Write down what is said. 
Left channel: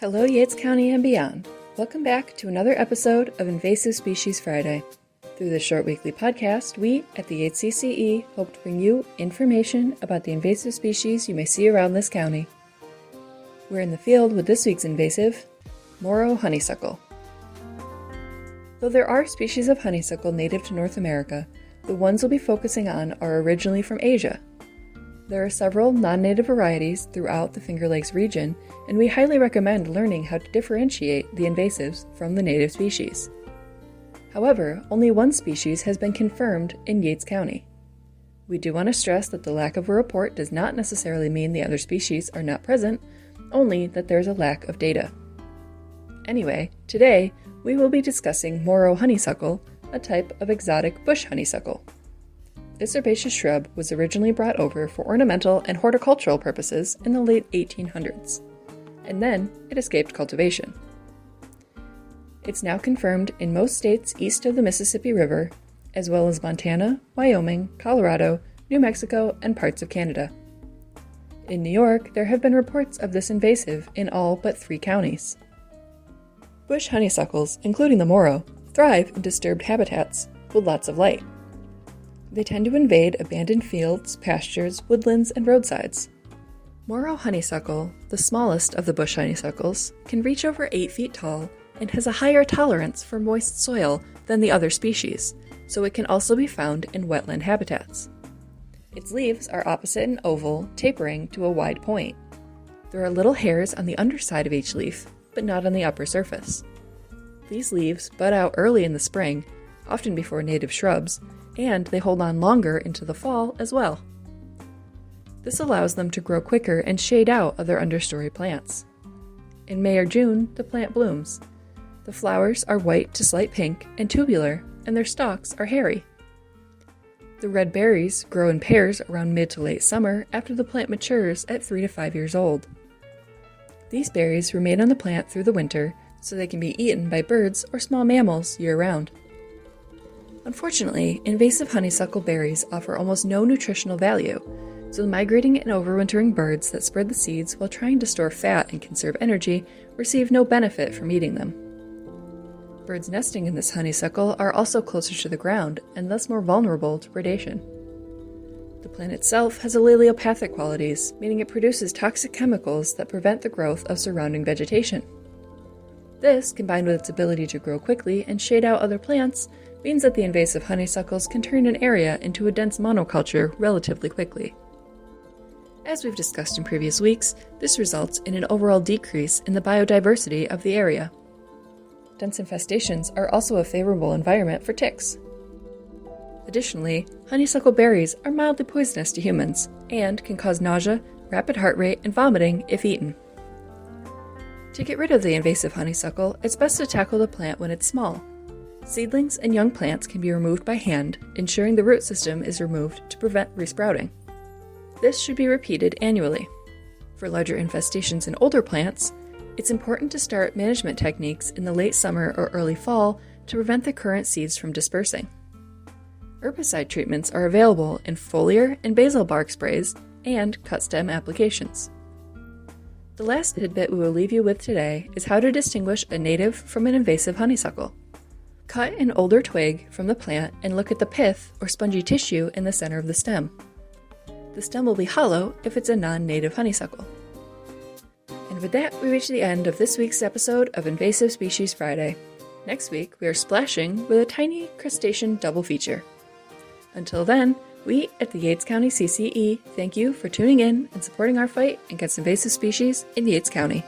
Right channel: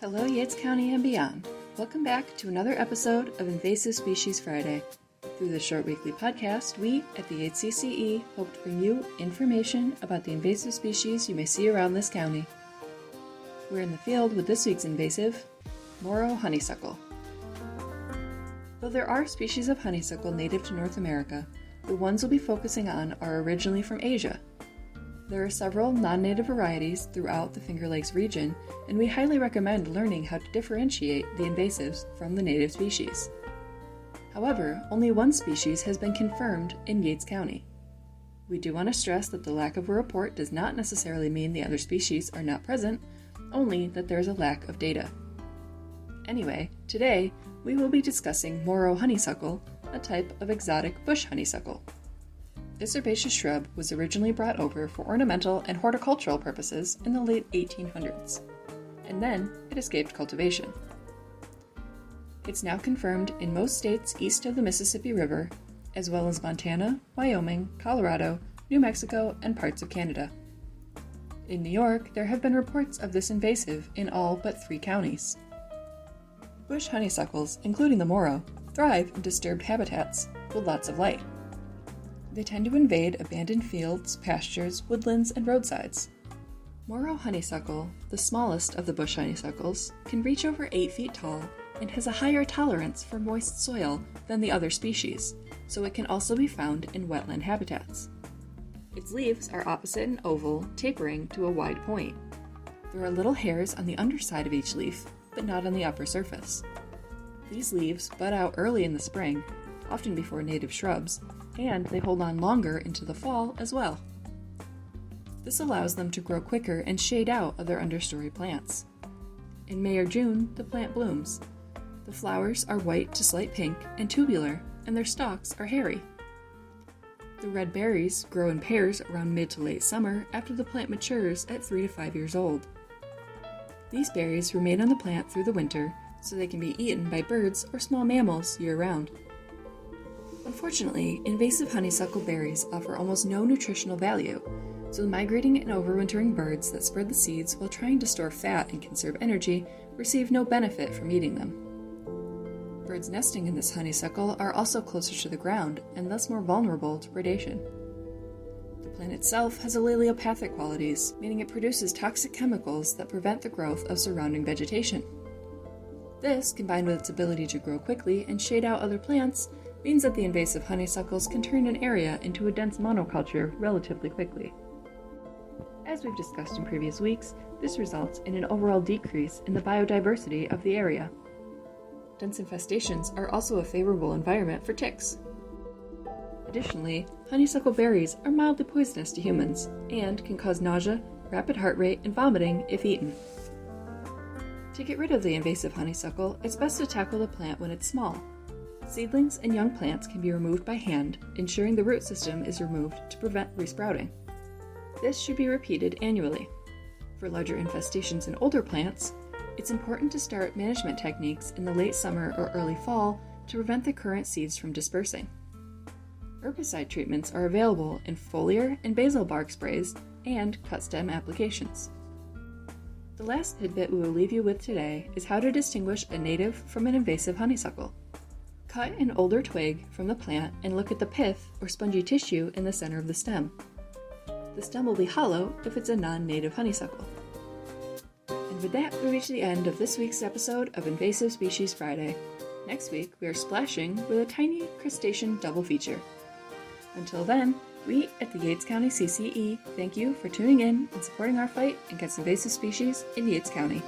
Hello, Yates County and beyond. Welcome back to another episode of Invasive Species Friday. Through this short weekly podcast, we at the Yates CCE hope to bring you information about the invasive species you may see around this county. We're in the field with this week's invasive, Moro honeysuckle. Though there are species of honeysuckle native to North America, the ones we'll be focusing on are originally from Asia. There are several non-native varieties throughout the Finger Lakes region, and we highly recommend learning how to differentiate the invasives from the native species. However, only one species has been confirmed in Yates County. We do want to stress that the lack of a report does not necessarily mean the other species are not present, only that there is a lack of data. Anyway, today we will be discussing Moro honeysuckle, a type of exotic bush honeysuckle. This herbaceous shrub was originally brought over for ornamental and horticultural purposes in the late 1800s, and then it escaped cultivation. It's now confirmed in most states east of the Mississippi River, as well as Montana, Wyoming, Colorado, New Mexico, and parts of Canada. In New York, there have been reports of this invasive in all but 3 counties. Bush honeysuckles, including the Moro, thrive in disturbed habitats with lots of light. They tend to invade abandoned fields, pastures, woodlands, and roadsides. Moro honeysuckle, the smallest of the bush honeysuckles, can reach over 8 feet tall and has a higher tolerance for moist soil than the other species, so it can also be found in wetland habitats. Its leaves are opposite and oval, tapering to a wide point. There are little hairs on the underside of each leaf, but not on the upper surface. These leaves bud out early in the spring, often before native shrubs, and they hold on longer into the fall as well. This allows them to grow quicker and shade out other understory plants. In May or June, the plant blooms. The flowers are white to slight pink and tubular, and their stalks are hairy. The red berries grow in pairs around mid to late summer after the plant matures at 3 to 5 years old. These berries remain on the plant through the winter, so they can be eaten by birds or small mammals year-round. Unfortunately, invasive honeysuckle berries offer almost no nutritional value, so the migrating and overwintering birds that spread the seeds while trying to store fat and conserve energy receive no benefit from eating them. Birds nesting in this honeysuckle are also closer to the ground and thus more vulnerable to predation. The plant itself has alleliopathic qualities, meaning it produces toxic chemicals that prevent the growth of surrounding vegetation. This, combined with its ability to grow quickly and shade out other plants, means that the invasive honeysuckles can turn an area into a dense monoculture relatively quickly. As we've discussed in previous weeks, this results in an overall decrease in the biodiversity of the area. Dense infestations are also a favorable environment for ticks. Additionally, honeysuckle berries are mildly poisonous to humans and can cause nausea, rapid heart rate, and vomiting if eaten. To get rid of the invasive honeysuckle, it's best to tackle the plant when it's small. Seedlings and young plants can be removed by hand, ensuring the root system is removed to prevent resprouting. This should be repeated annually. For larger infestations in older plants, it's important to start management techniques in the late summer or early fall to prevent the current seeds from dispersing. Herbicide treatments are available in foliar and basal bark sprays and cut stem applications. The last tidbit we will leave you with today is how to distinguish a native from an invasive honeysuckle. Cut an older twig from the plant and look at the pith or spongy tissue in the center of the stem. The stem will be hollow if it's a non-native honeysuckle. And with that, we reach the end of this week's episode of Invasive Species Friday. Next week, we are splashing with a tiny crustacean double feature. Until then, we at the Yates County CCE thank you for tuning in and supporting our fight against invasive species in Yates County.